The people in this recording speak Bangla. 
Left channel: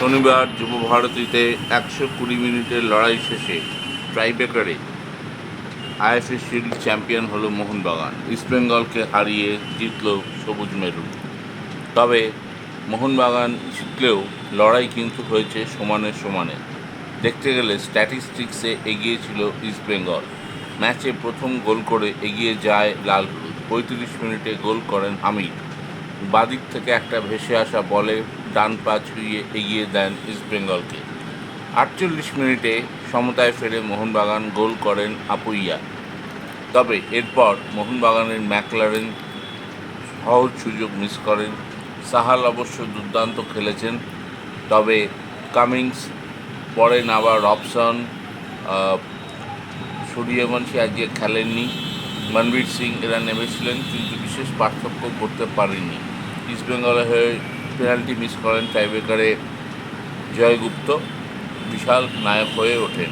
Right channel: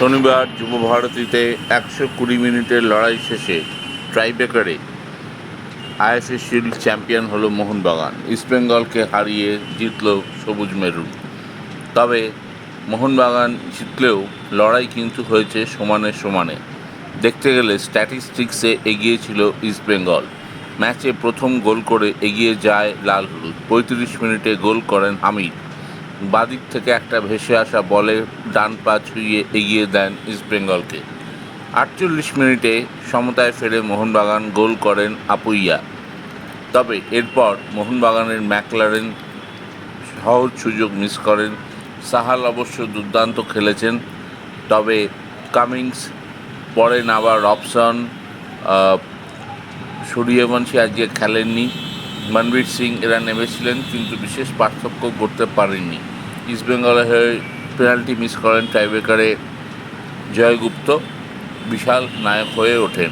শনিবার যুবভারতীতে একশো কুড়ি মিনিটের লড়াই শেষে ট্রাইবেকারে আইএফএ শিল্ড চ্যাম্পিয়ন হলো মোহনবাগান। ইস্টবেঙ্গলকে হারিয়ে জিতল সবুজ মেরু। তবে মোহনবাগান জিতলেও লড়াই কিন্তু হয়েছে সমানে সমানে। দেখতে গেলে স্ট্যাটিস্টিক্সে এগিয়ে ছিল ইস্টবেঙ্গল ম্যাচে প্রথম গোল করে এগিয়ে যায় লাল হলুদ। পঁয়ত্রিশ মিনিটে গোল করেন হামিদ। বাদিক থেকে একটা ভেসে আসা বলে ডান পা ছুঁয়ে এগিয়ে দেন ইস্টবেঙ্গলকে আটচল্লিশ মিনিটে সমতায় ফেরে মোহনবাগান গোল করেন আপুইয়া। তবে এরপর মোহনবাগানের ম্যাকলারেন সহজ সুযোগ মিস করেন। সাহাল অবশ্য দুর্দান্ত খেলেছেন, তবে কামিংস পরেন আবার রবসন সূর্যবংশী আজকে খেলেননি। মনবীর সিং এরা নেমেছিলেন, কিন্তু বিশেষ পার্থক্য করতে পারেননি। ইস্টবেঙ্গলের হয়ে পেনাল্টি মিস করেন টাইব্রেকারে জয়গুপ্ত বিশাল নায়ক হয়ে ওঠেন।